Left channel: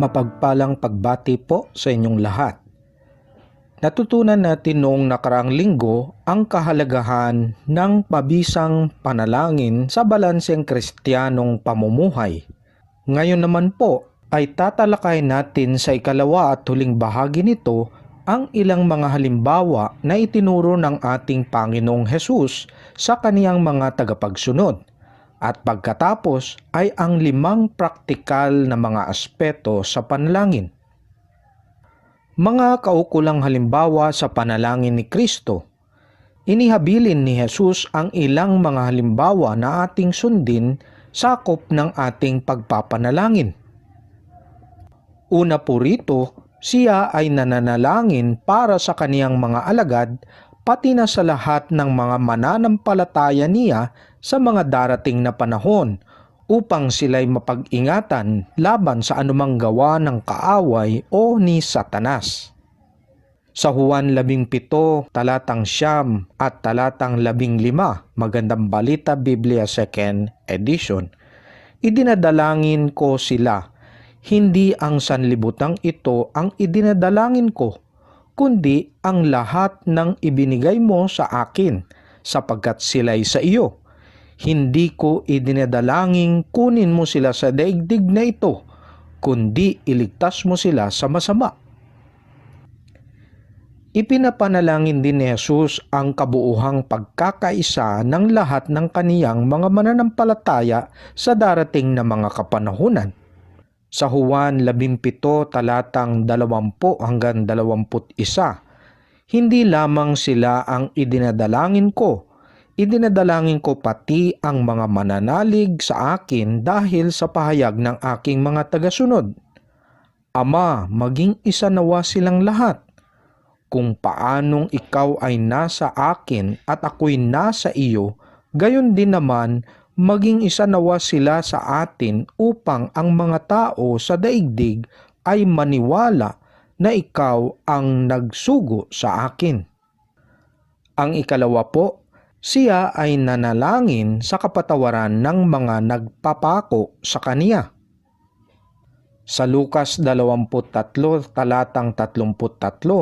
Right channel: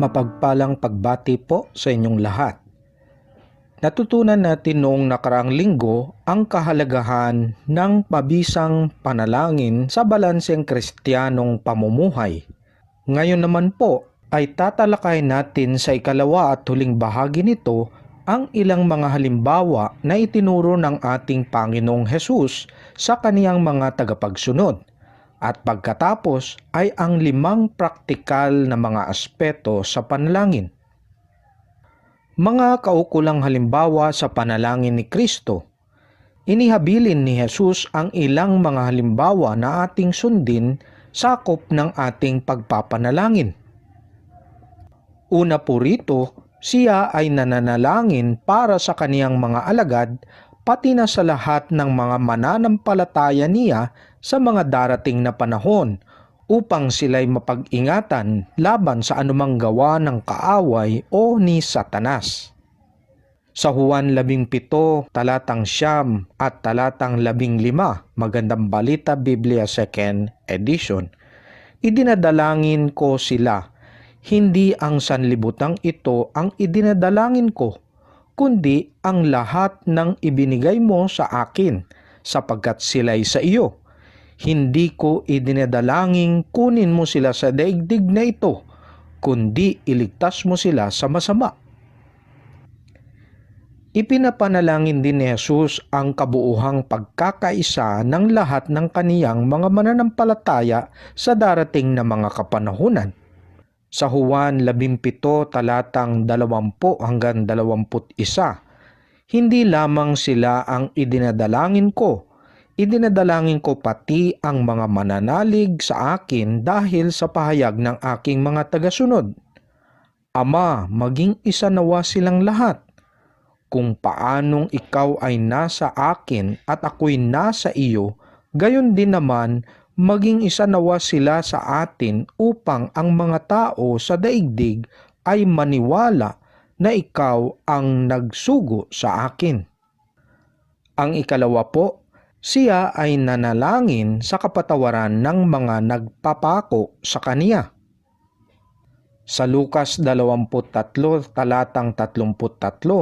Mapagpalang pagbati po sa inyong lahat. Natutunan natin noong nakaraang linggo ang kahalagahan ng pabisang panalangin sa balanseng kristyanong pamumuhay. Ngayon naman po ay tatalakayin natin sa ikalawa at huling bahagi nito ang ilang mga halimbawa na itinuro ng ating Panginoong Hesus sa kaniyang mga tagapagsunod. At pagkatapos ay ang 5 praktikal na mga aspeto sa panalangin. Mga kaukulang halimbawa sa panalangin ni Kristo. Inihabilin ni Jesus ang ilang mga halimbawa na ating sundin sakop ng ating pagpapanalangin. Una po rito, siya ay nananalangin para sa kaniyang mga alagad pati na sa lahat ng mga mananampalataya niya sa mga darating na panahon upang sila'y mapag-ingatan laban sa anumang gawa ng kaaway o ni Satanas. Sa Juan 17, talatang 9 at talatang 15, Magandang Balita Biblia 2nd edition, idinadalangin ko sila, hindi ang sanlibutang ito ang idinadalangin ko, kundi ang lahat ng ibinigay mo sa akin, sapagkat sila'y sa iyo. Hindi ko idinadalangin kunin mo sila sa daigdig na ito, kundi iligtas mo sila sa masama. Ipinapanalangin din ni Jesus ang kabuuhang pagkakaisa ng lahat ng kaniyang mga mananampalataya sa darating na mga kapanahunan. Sa Juan 17 talatang 20 hanggang 21, hindi lamang sila ang idinadalangin ko pati ang mga mananalig sa akin dahil sa pahayag ng aking mga tagasunod. Ama, maging isa nawa silang lahat. Kung paanong ikaw ay nasa akin at ako'y nasa iyo, gayon din naman maging isa nawa sila sa atin upang ang mga tao sa daigdig ay maniwala na ikaw ang nagsugo sa akin. Ang ikalawa po, siya ay nanalangin sa kapatawaran ng mga nagpapako sa kaniya. Sa Lucas 23 talatang 33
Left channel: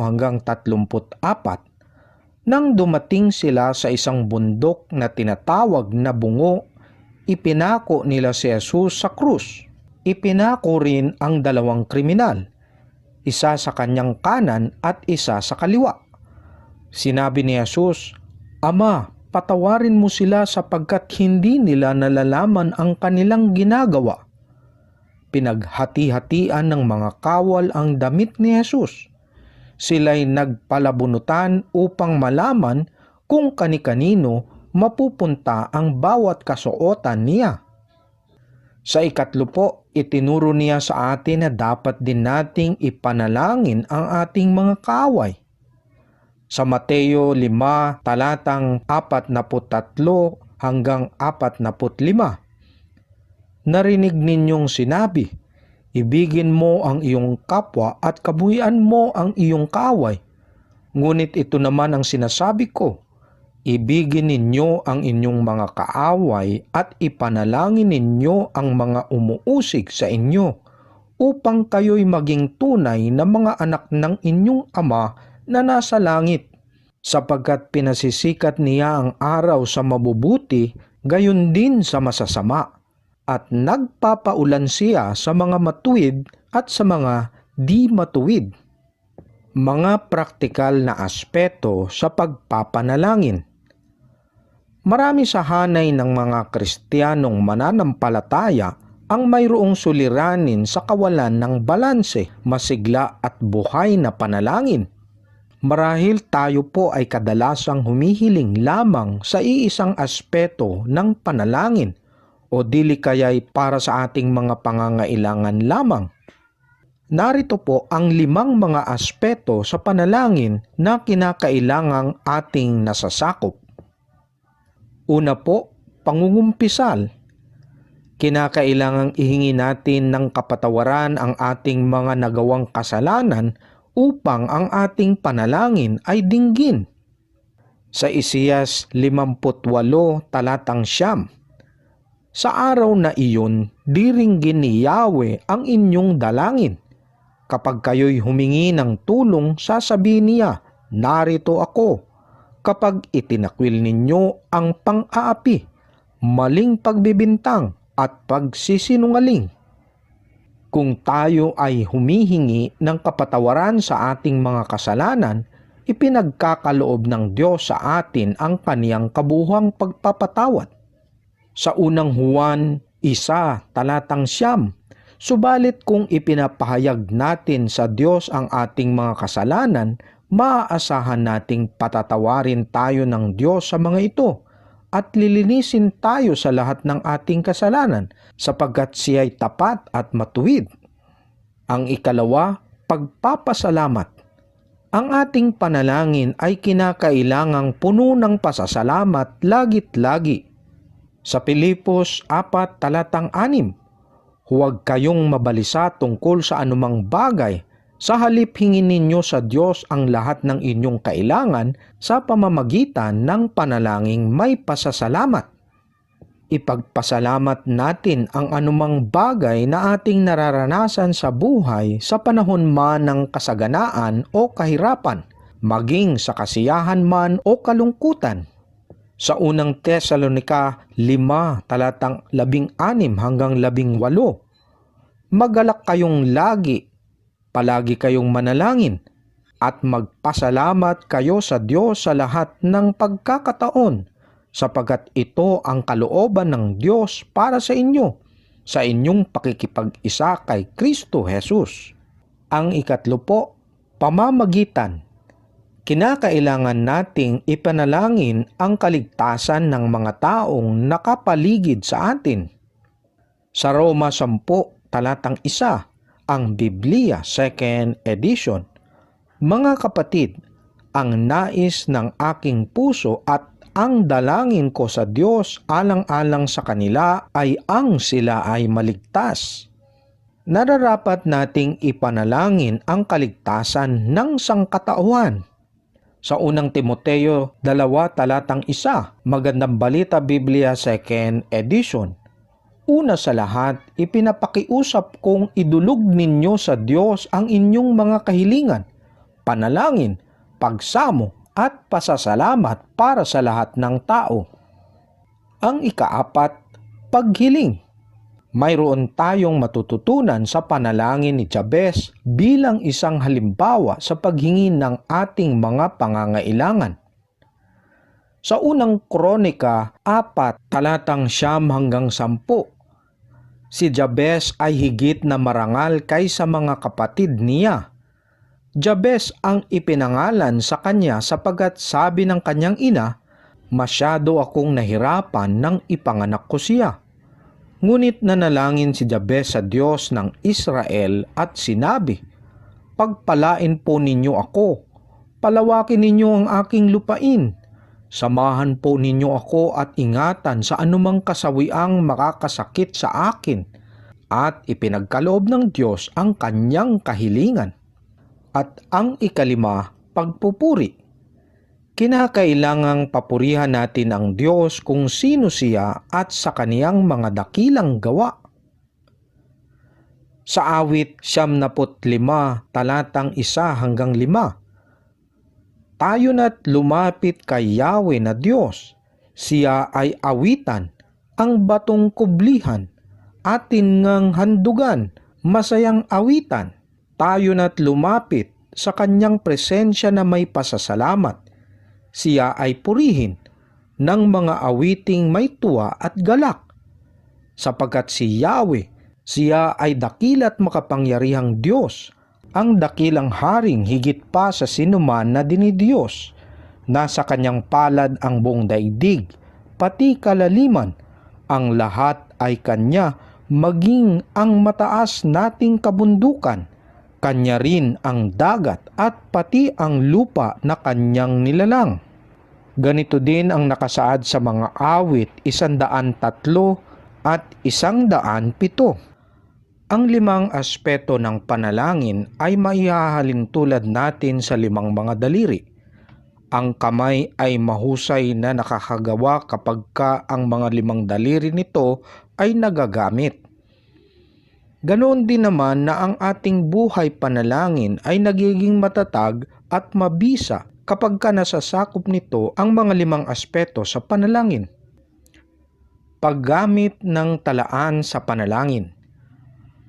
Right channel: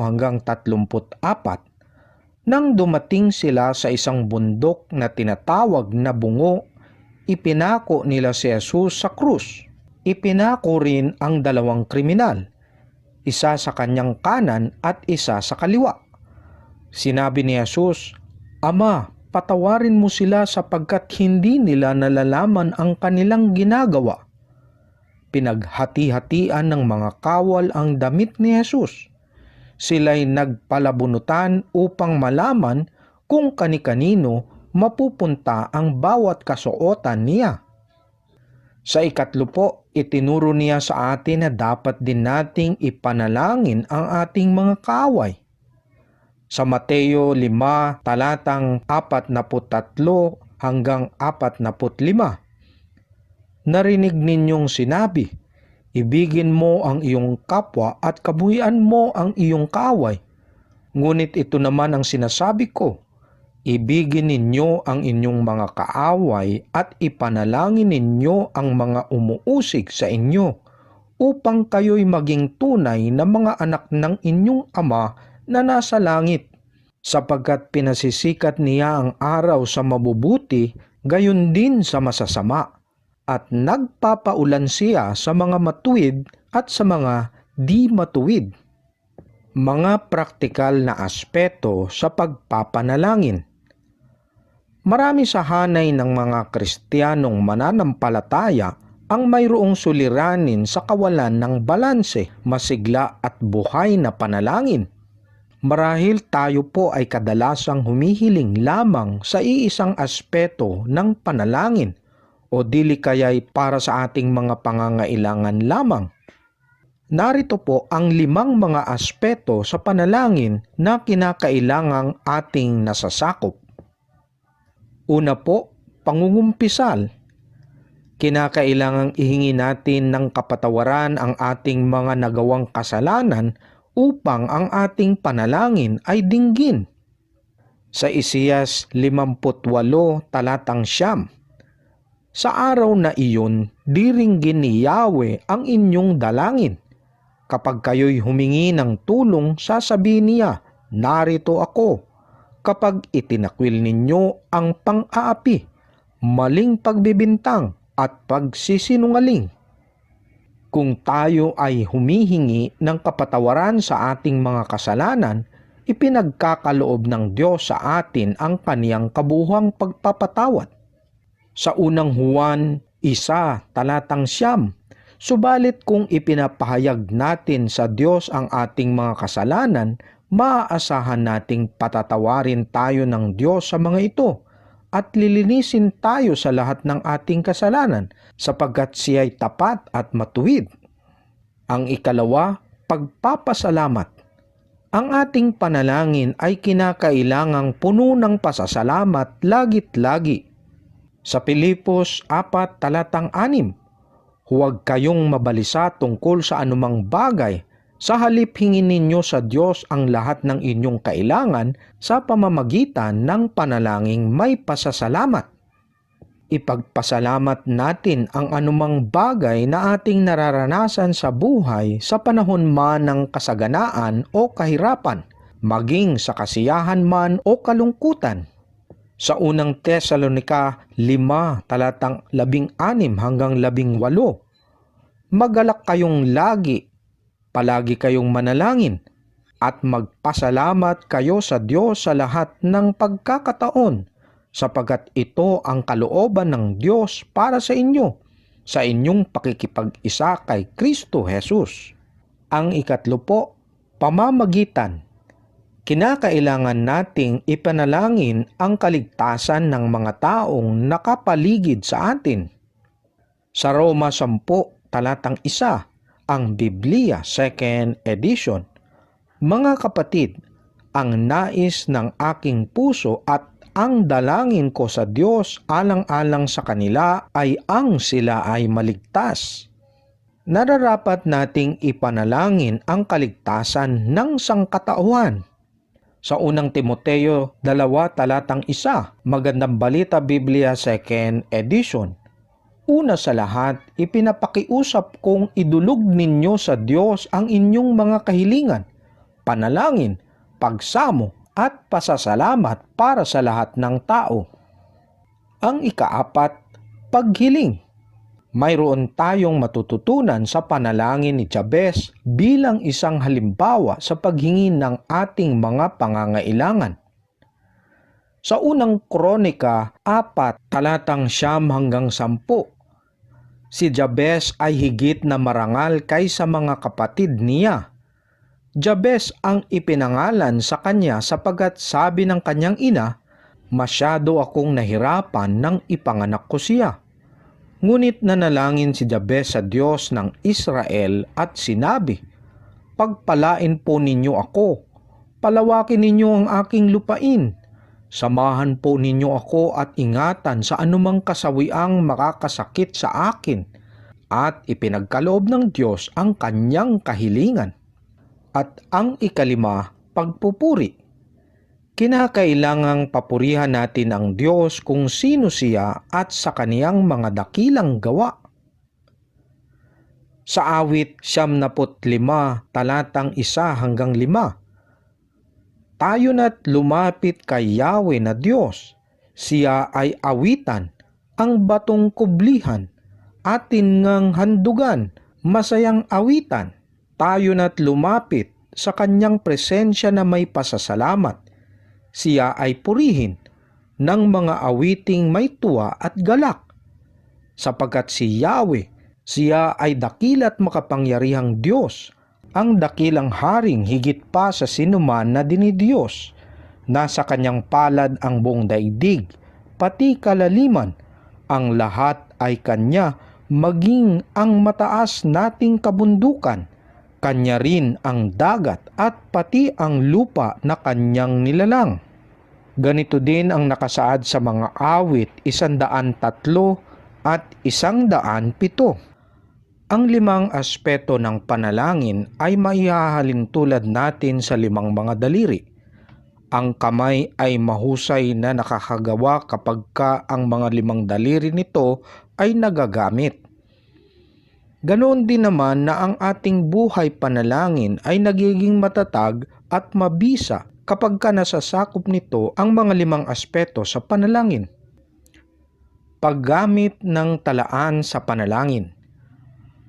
hanggang 34, nang dumating sila sa isang bundok na tinatawag na Bungo, ipinako nila si Jesus sa krus. Ipinako rin ang 2 kriminal, isa sa kanyang kanan at isa sa kaliwa. Sinabi ni Jesus, Ama, patawarin mo sila sapagkat hindi nila nalalaman ang kanilang ginagawa. Pinaghati-hatian ng mga kawal ang damit ni Jesus. Sila'y nagpalabunutan upang malaman kung kani-kanino mapupunta ang bawat kasuotan niya. Sa ikatlo po, itinuro niya sa atin na dapat din nating ipanalangin ang ating mga kaaway. Sa Mateo 5 talatang 43 hanggang 45, narinig ninyong sinabi, ibigin mo ang iyong kapwa at kabuhian mo ang iyong kaaway. Ngunit ito naman ang sinasabi ko, ibigin ninyo ang inyong mga kaaway at ipanalangin ninyo ang mga umuusig sa inyo, upang kayo'y maging tunay na mga anak ng inyong Ama na nasa langit, sapagkat pinasisikat niya ang araw sa mabubuti, gayon din sa masasama, at nagpapaulan siya sa mga matuwid at sa mga di matuwid. Mga praktikal na aspeto sa pagpapanalangin. Marami sa hanay ng mga Kristiyanong mananampalataya ang mayroong suliranin sa kawalan ng balanse, masigla at buhay na panalangin. Marahil tayo po ay kadalasang humihiling lamang sa iisang aspeto ng panalangin o dili kaya'y para sa ating mga pangangailangan lamang. Narito po ang 5 mga aspeto sa panalangin na kinakailangang ating nasasakop. Una po, pangungumpisal. Kinakailangang ihingi natin ng kapatawaran ang ating mga nagawang kasalanan upang ang ating panalangin ay dinggin. Sa Isaias 58 talatang 9, sa araw na iyon, diringgin ni Yahweh ang inyong dalangin. Kapag kayo'y humingi ng tulong, sasabihin niya, narito ako. Kapag itinakwil ninyo ang pang-aapi, maling pagbibintang at pagsisinungaling. Kung tayo ay humihingi ng kapatawaran sa ating mga kasalanan, ipinagkakaloob ng Diyos sa atin ang kaniyang kabuuang pagpapatawad. Sa unang Juan 1:9, subalit kung ipinapahayag natin sa Diyos ang ating mga kasalanan, maaasahan nating patatawarin tayo ng Diyos sa mga ito at lilinisin tayo sa lahat ng ating kasalanan sapagkat siya'y tapat at matuwid. Ang ikalawa, pagpapasalamat. Ang ating panalangin ay kinakailangang puno ng pasasalamat lagit-lagi. Sa Pilipos 4:6, huwag kayong mabalisa tungkol sa anumang bagay, sa halip hingin ninyo sa Diyos ang lahat ng inyong kailangan sa pamamagitan ng panalangin may pasasalamat. Ipagpasalamat natin ang anumang bagay na ating nararanasan sa buhay sa panahon man ng kasaganaan o kahirapan, maging sa kasiyahan man o kalungkutan. Sa unang Tesalonica 5:16-18, magalak kayong lagi, palagi kayong manalangin, at magpasalamat kayo sa Diyos sa lahat ng pagkakataon, sapagkat ito ang kalooban ng Diyos para sa inyo, sa inyong pakikipag-isa kay Kristo Jesus. Ang ikatlo po, pamamagitan. Kinakailangan nating ipanalangin ang kaligtasan ng mga taong nakapaligid sa atin. Sa Roma 10:1, ang Biblia 2nd edition, mga kapatid, ang nais ng aking puso at ang dalangin ko sa Diyos alang-alang sa kanila ay ang sila ay maligtas. Nararapat nating ipanalangin ang kaligtasan ng sangkatauhan. Sa unang Timoteo 2:1, Magandang Balita Biblia 2nd edition, una sa lahat, ipinapakiusap kong idulog ninyo sa Diyos ang inyong mga kahilingan, panalangin, pagsamo at pasasalamat para sa lahat ng tao. Ang ikaapat, paghiling. Mayroon tayong matututunan sa panalangin ni Jabez bilang isang halimbawa sa paghingi ng ating mga pangangailangan. Sa unang Kronika 4:9-10, si Jabez ay higit na marangal kaysa mga kapatid niya. Jabez ang ipinangalan sa kanya sapagkat sabi ng kanyang ina, masyado akong nahirapan nang ipanganak ko siya. Ngunit nanalangin si Jabez sa Diyos ng Israel at sinabi, pagpalain po ninyo ako, palawakin ninyo ang aking lupain, samahan po ninyo ako at ingatan sa anumang kasawiang makakasakit sa akin, at ipinagkaloob ng Diyos ang kanyang kahilingan. At ang ikalima, pagpupuri. Kinakailangang papurihan natin ang Diyos kung sino siya at sa kaniyang mga dakilang gawa. Sa awit 75:1-5, tayo na't lumapit kay Yahweh na Diyos. Siya ay awitan, ang batong kublihan, atin ngang handugan, masayang awitan. Tayo na't lumapit sa kanyang presensya na may pasasalamat. Siya ay purihin ng mga awiting may tuwa at galak. Sapagkat si Yahweh, siya ay dakila't makapangyarihang Diyos, ang dakilang haring higit pa sa sinuman na dinidiyos. Nasa kanyang palad ang buong daigdig, pati kalaliman, ang lahat ay kanya, maging ang mataas nating kabundukan. Kanya rin ang dagat at pati ang lupa na kanyang nilalang. Ganito din ang nakasaad sa mga awit 103 at 107. Ang limang aspeto ng panalangin ay maihahalin tulad natin sa limang mga daliri. Ang kamay ay mahusay na nakakagawa kapag ang mga limang daliri nito ay nagagamit. Ganoon din naman na ang ating buhay panalangin ay nagiging matatag at mabisa kapag nasasakop nito ang mga 5 aspeto sa panalangin. Paggamit ng talaan sa panalangin.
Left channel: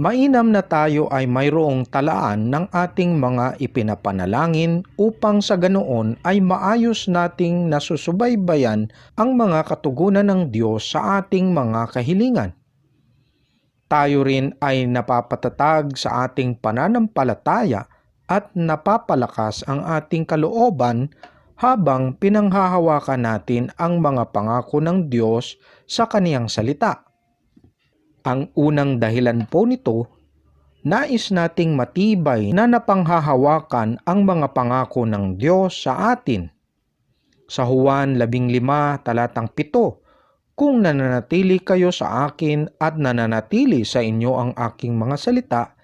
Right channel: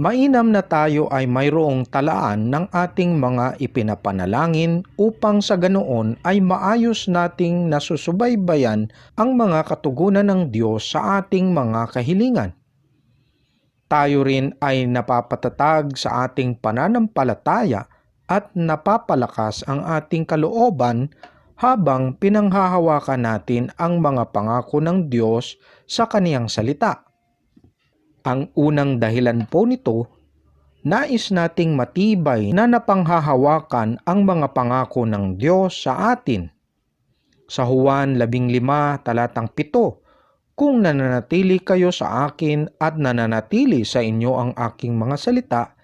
Mainam na tayo ay mayroong talaan ng ating mga ipinapanalangin upang sa ganoon ay maayos nating nasusubaybayan ang mga katugunan ng Diyos sa ating mga kahilingan. Tayo rin ay napapatatag sa ating pananampalataya at napapalakas ang ating kalooban habang pinanghahawakan natin ang mga pangako ng Diyos sa Kaniyang salita. Ang unang dahilan po nito, nais nating matibay na napanghahawakan ang mga pangako ng Diyos sa atin. Sa Juan 15 talatang 7, kung nananatili kayo sa akin at nananatili sa inyo ang aking mga salita,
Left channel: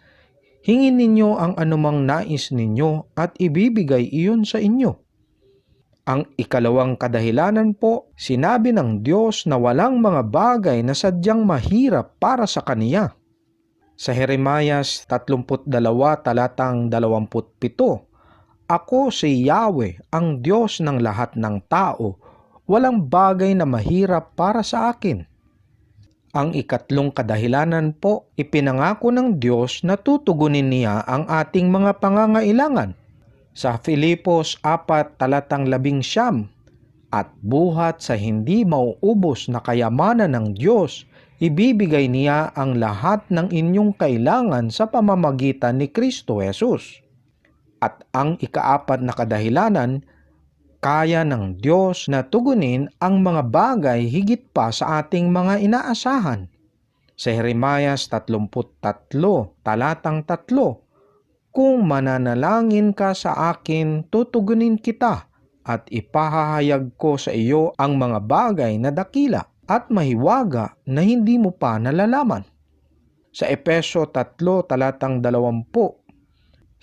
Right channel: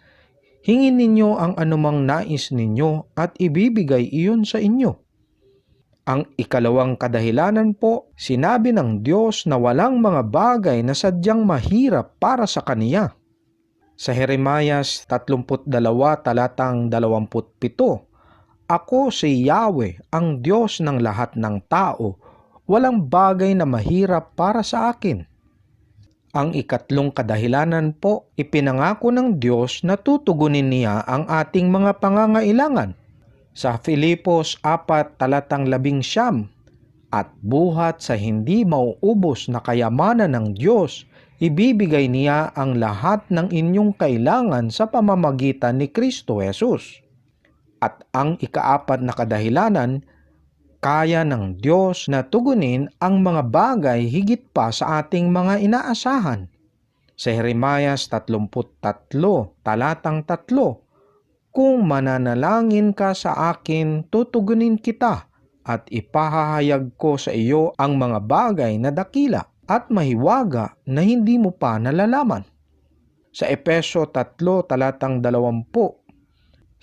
hingin ninyo ang anumang nais ninyo at ibibigay iyon sa inyo. Ang ikalawang kadahilanan po, sinabi ng Diyos na walang mga bagay na sadyang mahirap para sa Kaniya. Sa Jeremias 32 talatang 27, Ako si Yahweh, ang Diyos ng lahat ng tao, walang bagay na mahirap para sa akin. Ang ikatlong kadahilanan po, ipinangako ng Diyos na tutugunin niya ang ating mga pangangailangan. Sa Filipos 4 talatang 11, at buhat sa hindi mauubos na kayamanan ng Diyos, ibibigay niya ang lahat ng inyong kailangan sa pamamagitan ni Kristo Jesus. At ang ikaapat na kadahilanan, kaya ng Diyos na tugunin ang mga bagay higit pa sa ating mga inaasahan. Sa Jeremias 33 talatang 3, kung mananalangin ka sa akin, tutugunin kita at ipahahayag ko sa iyo ang mga bagay na dakila at mahiwaga na hindi mo pa nalalaman. Sa Efeso 3 talatang 20,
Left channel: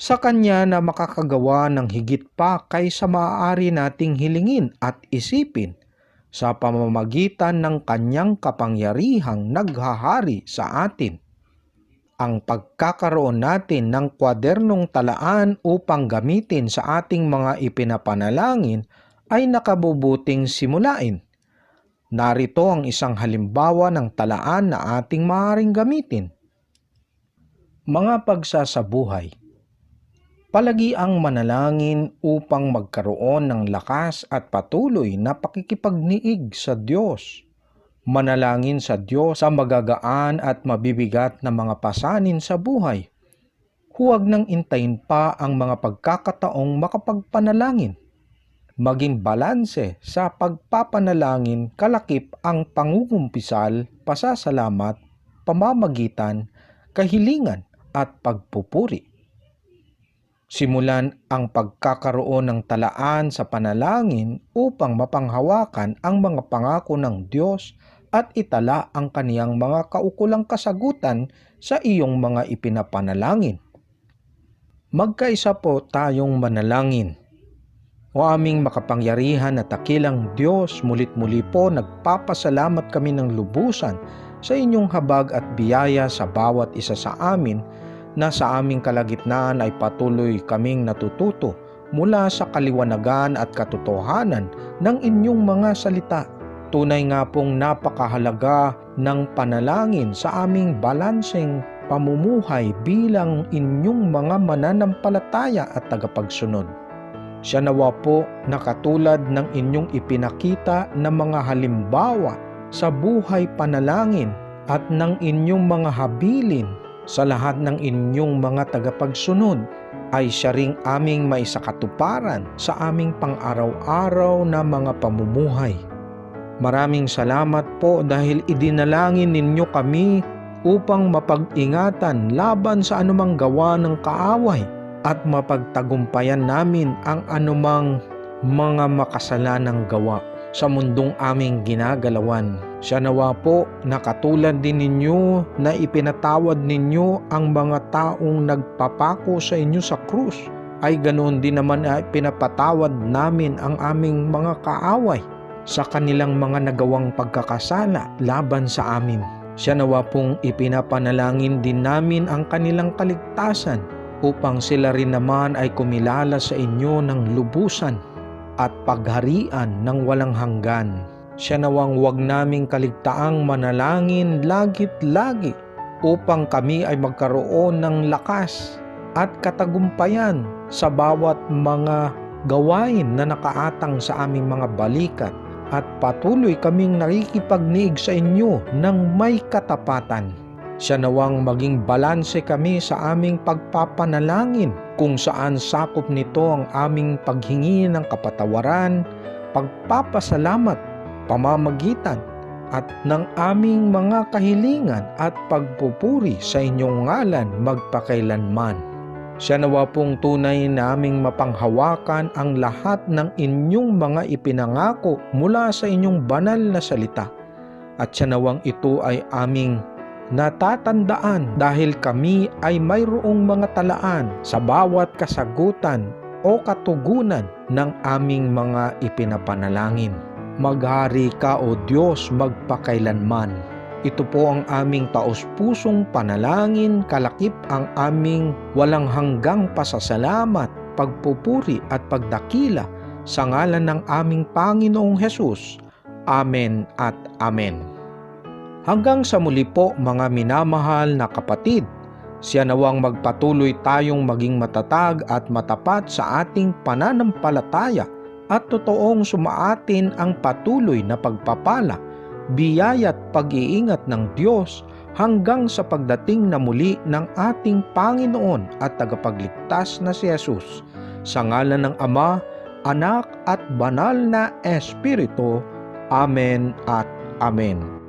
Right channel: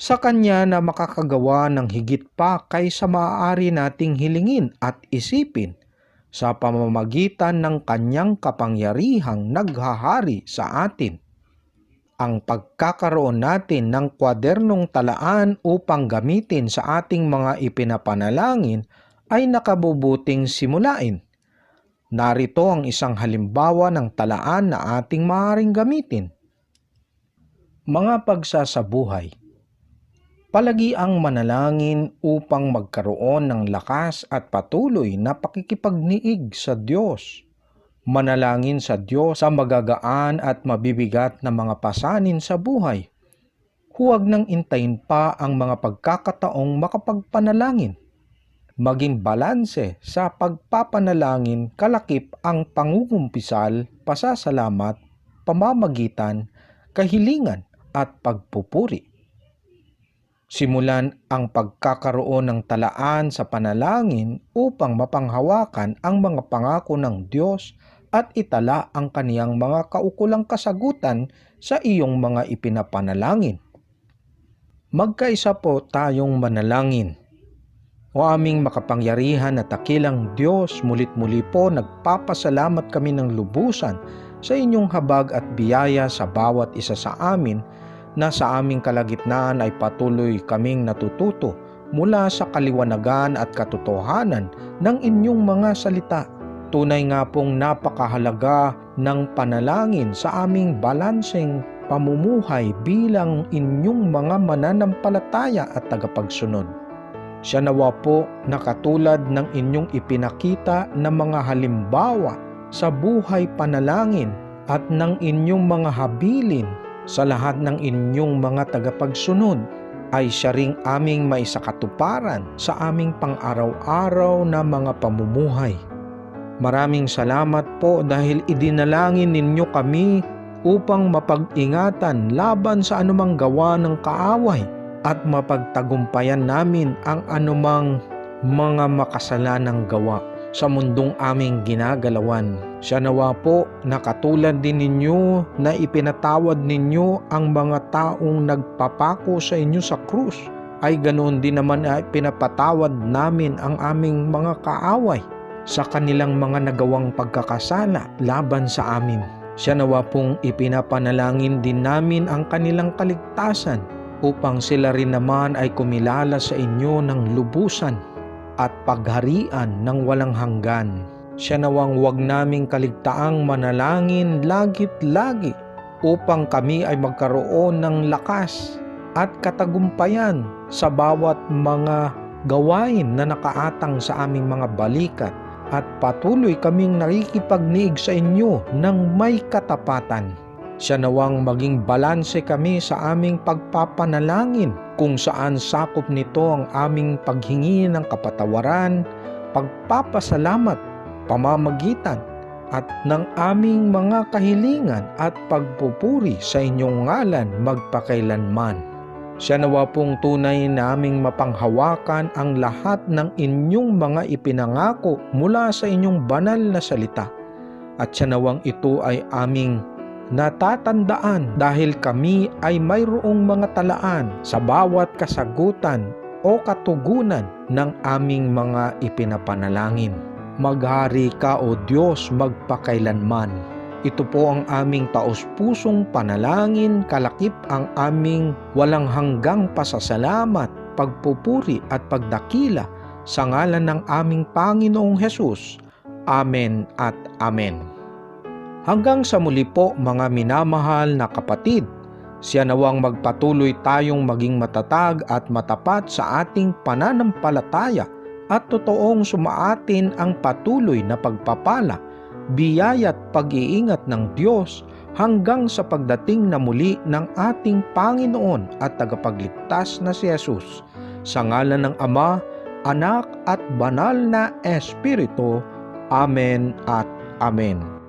sa Kanya na makakagawa ng higit pa kaysa maaari nating hilingin at isipin sa pamamagitan ng Kanyang kapangyarihang naghahari sa atin. Ang pagkakaroon natin ng kwadernong talaan upang gamitin sa ating mga ipinapanalangin ay nakabubuting simulain. Narito ang isang halimbawa ng talaan na ating maaaring gamitin. Mga pagsasabuhay. Palagi ang manalangin upang magkaroon ng lakas at patuloy na pakikipagniig sa Diyos. Manalangin sa Diyos sa magagaan at mabibigat na mga pasanin sa buhay. Huwag nang intayin pa ang mga pagkakataong makapagpanalangin. Maging balanse sa pagpapanalangin kalakip ang pangungumpisal, pasasalamat, pamamagitan, kahilingan at pagpupuri. Simulan ang pagkakaroon ng talaan sa panalangin upang mapanghawakan ang mga pangako ng Diyos at itala ang kaniyang mga kaukulang kasagutan sa iyong mga ipinapanalangin. Magkaisa po tayong manalangin. O aming makapangyarihan at dakilang Diyos, mulit-muli po nagpapasalamat kami ng lubusan sa inyong habag at biyaya sa bawat isa sa amin na sa aming kalagitnaan ay patuloy kaming natututo mula sa kaliwanagan at katotohanan ng inyong mga salita. Tunay nga pong napakahalaga ng panalangin sa aming balanseng pamumuhay bilang inyong mga mananampalataya at tagapagsunod. Siya nawa po na katulad ng inyong ipinakita na mga halimbawa sa buhay panalangin at ng inyong mga habilin sa lahat ng inyong mga tagapagsunod, ay siya ring aming maisakatuparan sa aming pang-araw-araw na mga pamumuhay. Maraming salamat po dahil idinalangin ninyo kami upang mapag-ingatan laban sa anumang gawa ng kaaway at mapagtagumpayan namin ang anumang mga makasalanang gawa sa mundong aming ginagalawan. Siya nawa po na katulad din ninyo na ipinatawad ninyo ang mga taong nagpapako sa inyo sa krus, ay ganoon din naman ay pinapatawad namin ang aming mga kaaway sa kanilang mga nagawang pagkakasala laban sa amin. Siya nawa pong ipinapanalangin din namin ang kanilang kaligtasan upang sila rin naman ay kumilala sa inyo ng lubusan at pagharian ng walang hanggan. Siya nawang huwag naming kaligtaang manalangin lagit lagi upang kami ay magkaroon ng lakas at katagumpayan sa bawat mga gawain na nakaatang sa aming mga balikat at patuloy kaming nakikipagniig sa inyo ng may katapatan. Siya nawang maging balanse kami sa aming pagpapanalangin kung saan sakop nito ang aming paghingi ng kapatawaran, pagpapasalamat, pamamagitan at ng aming mga kahilingan at pagpupuri sa inyong ngalan magpakailanman. Siya nawa pong tunay naming mapanghawakan ang lahat ng inyong mga ipinangako mula sa inyong banal na salita. At siya nawang ito ay aming natatandaan dahil kami ay mayroong mga talaan sa bawat kasagutan o katugunan ng aming mga ipinapanalangin. Maghari ka o Diyos magpakailanman. Ito po ang aming taos-pusong panalangin, kalakip ang aming walang hanggang pasasalamat, pagpupuri at pagdakila sa ngalan ng aming Panginoong Hesus. Amen at Amen. Hanggang sa muli po mga minamahal na kapatid, siya nawang magpatuloy tayong maging matatag at matapat sa ating pananampalataya at totoong sumaatin ang patuloy na pagpapala, biyaya at pag-iingat ng Diyos hanggang sa pagdating na muli ng ating Panginoon at tagapagligtas na si Jesus. Sa ngalan ng Ama, Anak at Banal na Espiritu. Amen at Amen.